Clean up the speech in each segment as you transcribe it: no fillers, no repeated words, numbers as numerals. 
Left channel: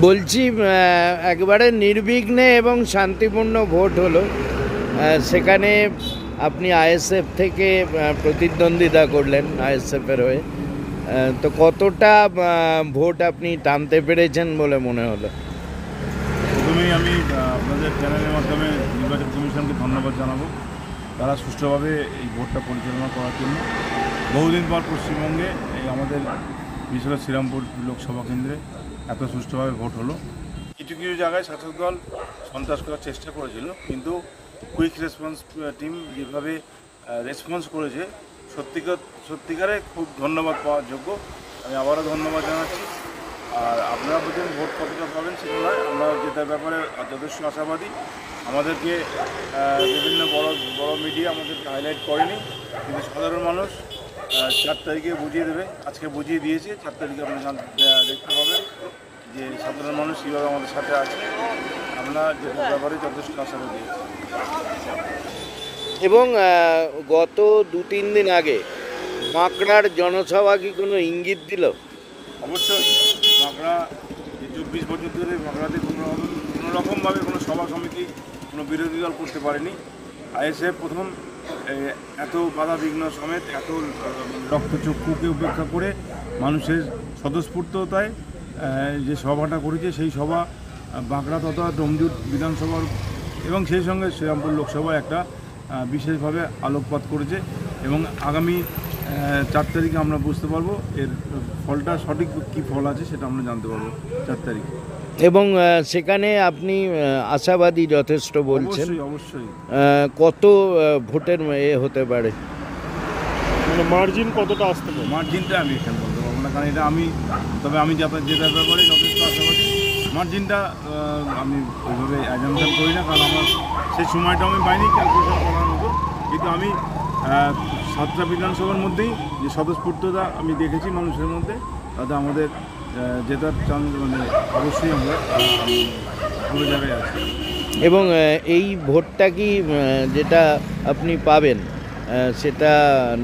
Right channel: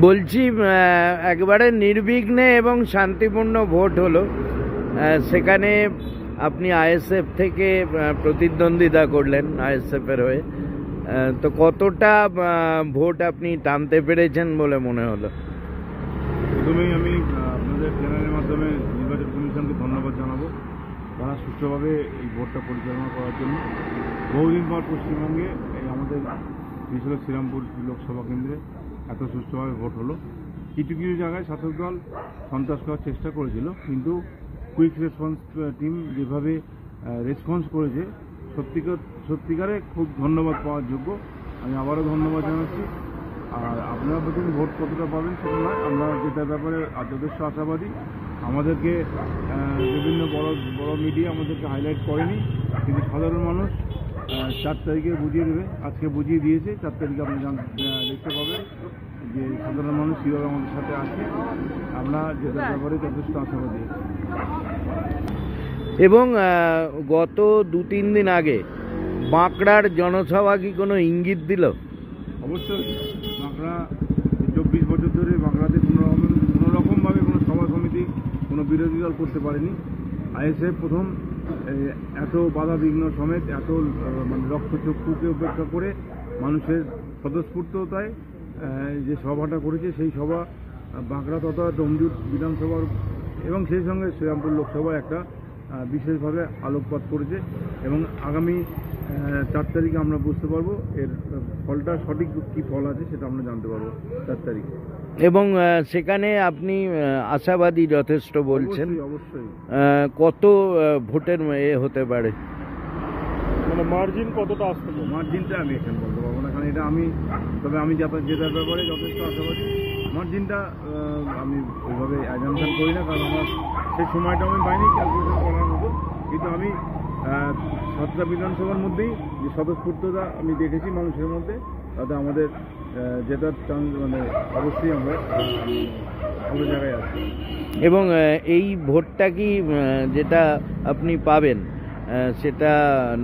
বলছি একবারে নির্বিঘ্নে এবং শান্তিপূর্ণ ভোট হলো। সেখানে আপনি আইএসএফ থেকে প্রতিদ্বন্দ্বিতা করলেন আইএসএফের হয়ে। তো কতটা ভোট আপনি টানতে পেরেছেন বলে মনে হলো? প্রথমেই আমি আপনাদের চ্যানেলের মাধ্যমে নির্বাচন কমিশনকে ধন্যবাদ জানাবো। তারা সুষ্ঠুভাবে এই ভোটটা পরিচালনা করার জন্য বহুদিন পর পশ্চিমবঙ্গে এই আমাদের বিশেষ করে শ্রীরামপুর লোকসভা কেন্দ্রে এত সুষ্ঠুভাবে ভোট হলো। কিছু কিছু জায়গায় শাসক দল সন্ত্রাস করার চেষ্টা করেছিল, কিন্তু কুইক রেসপন্স টিম যেভাবে রেসপন্স করেছে সত্যিকারে খুব ধন্যবাদ পাওয়ার যোগ্য। আমি আবারও ধন্যবাদ জানাচ্ছি। আর আপনারা প্রথম ভোট কতটা পাবেন সেটা নয়, আমরা যেটার ব্যাপারে যথেষ্ট আশাবাদী। আমাদেরকে বিভিন্ন বড় মিডিয়া আমাদেরকে হাইলাইট করেনি, কিন্তু সাধারণ মানুষ 4 তারিখে বুঝিয়ে দেবে। আজকে বুঝিয়ে দিয়েছে, 4 তারিখে আপনারা দেখতে পাবেন যে সাধারণ মানুষ কীভাবে আমাদের সাথে আছে। আমরা যেটার ব্যাপারে যথেষ্ট আশাবাদী। এবং গত 2-3 দিন আগে বাঁকড়ার জনসভা কি কোনো ইঙ্গিত দিল? অবশ্যই বাঁকড়া 24 বছর ধরে বাঁকড়াতে কোনো রকমভাবে কোনো সভা সমিতি কোনো বিরোধী দল করতে পারেনি। আইএসএফ প্রথম এত বাধা বিঘ্ন সমেত এত রক্তচক্ষুকে উপেক্ষা করে মানুষের স্বতঃস্ফূর্ততায় যে সভাটা করেছে, সেই সভা বাঁকড়া তথা ডোমজুট বিধানসভার এবং সেই সঙ্গে শ্রীরামপুর লোকসভায় একটা বিশেষভাবে আলোকপাত করেছে। এবং আগামী 4 তারিখে আমরা বুঝতে পারবো এর ফলটা সঠিক কী ফল আছে সেটা আমরা জানতে পারবো 4 তারিখ। এবং সেখানে আপনি আশাবাদী যথেষ্ট বলছেন। অবশ্যই। কত ভোটের হতে পারে? মার্জিন কতটা আসতে পারে? মার্জিনটা আমি এখানে বলতে পারবো না, কারণ এটা তবে আমি যেটার ব্যাপারে যথেষ্ট আশাবাদী। মার্জিনটা আমি ওইভাবে অ্যাজেন্ডা করি না, কারণ আমার সেই সময়টা আমি পাইনি ক্যালকুলেশন করার মতো। কিন্তু আমি 7টা বিধানসভার মধ্যেই যে স্বতঃস্ফূর্ততা আমি দেখেছি মানুষের মধ্যে, তাতে আমাদের জেতার মানে অবশ্যই আমরা পুরো জায়গায় আছি। এবং এই ভোটটা কি যেটা আপনি পাবেন সেটা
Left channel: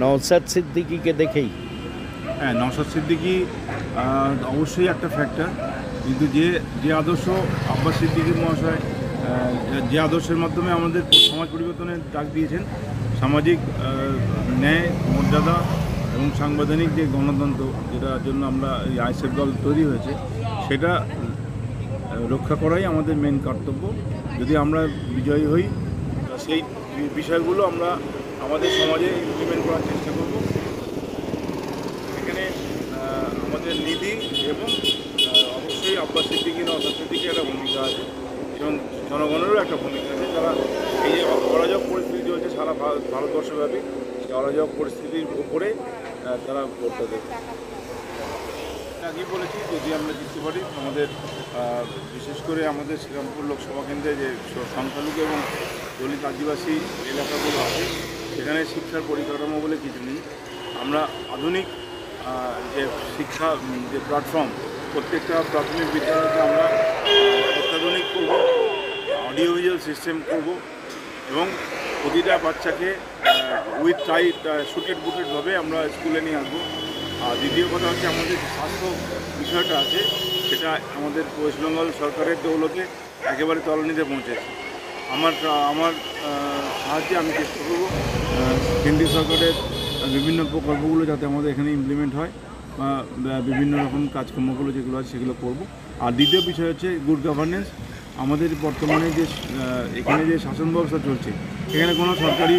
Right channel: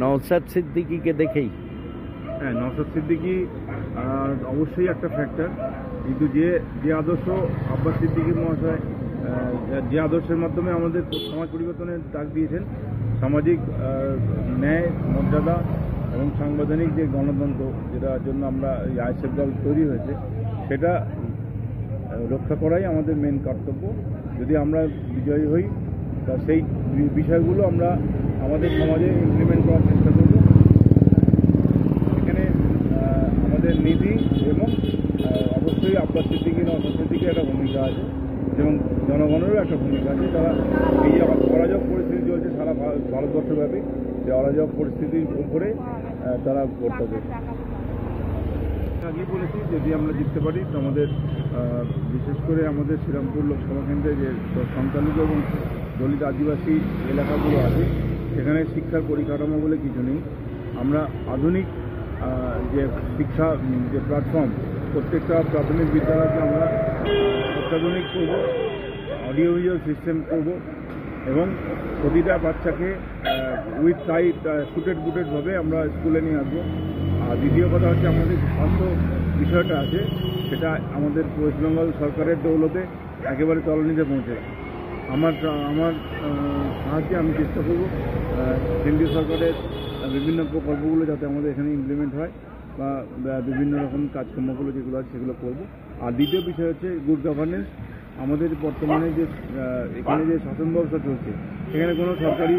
নওশাদ সিদ্দিকীকে দেখেই? হ্যাঁ, নওশাদ সিদ্দিকী অবশ্যই একটা ফ্যাক্টর, কিন্তু যে আদর্শ আব্বাস সিদ্দিকী মহাশয় যে আদর্শের মাধ্যমে আমাদের সমাজ পরিবর্তনের ডাক দিয়েছেন, সামাজিক ন্যায় মর্যাদা এবং সাংবিধানিক যে গণতন্ত্র, যেটার জন্য আমরা এই আইএসএফ দল তৈরি হয়েছে, সেটা রক্ষা করাই আমাদের মেন কর্তব্য। যদি আমরা বিজয়ী হই, তা সেই বিষয়গুলো আমরা আমাদের সমাজে ইমপ্লিমেন্ট করার চেষ্টা করব। এখানে আমাদের নীতি এবং অবশ্যই আব্বাস সিদ্দিকী নওশাদ সিদ্দিকী একটা ভূমিকা আছে এবং জনগণেরও একটা ভূমিকা আছে। তারা এই যে অরাজক পরিস্থিতি চলছে সারা ভারতবর্ষব্যাপী, সেই অরাজক পরিস্থিতির উপরে তারা ভোটটা দেবে। আজই বলেছি, যদি আমরা জিততে পারি আমাদের বিশেষ করে আমাদের শ্রীরামপুর লোকসভা কেন্দ্রে যে সংখ্যালঘু এবং দলিত আদিবাসী এলাকাগুলো আছে, সেখানে শিক্ষার পরিকাঠামো বলে কিছু নেই। আমরা আধুনিক যে শিক্ষা যে প্ল্যাটফর্ম, প্রত্যেকটা প্রাথমিক বিদ্যালয়কে আমরা অত্যাধুনিক করব, অডিও ভিজুয়াল সিস্টেম করব এবং প্রতিটা বাচ্চাকে উইথ শুটেড বুটেডভাবে আমরা স্কুলে নিয়ে আসবো। আর দ্বিতীয় কথা হচ্ছে আমাদের স্বাস্থ্য বিষয়টা আছে, সেটা আমাদের ওয়েস্ট বেঙ্গল সরকারের দৌলতে একেবারে তলানিতে পৌঁছেছে। আমার সাহায্যে আমি চেষ্টা করব কেন্দ্রীয় সরকারের বিভিন্ন প্রকল্পগুলো যাতে আমাদের এখানে ইমপ্লিমেন্ট হয়, বা বিভিন্ন রকম কাজকর্মগুলো যেগুলো আছে সেগুলো করব। আর দ্বিতীয় বিষয় হচ্ছে গুড গভর্নেন্স। আমাদের বর্তমানে যে এখানে যে শাসন ব্যবস্থা চলছে, এখানে কোনো সরকারি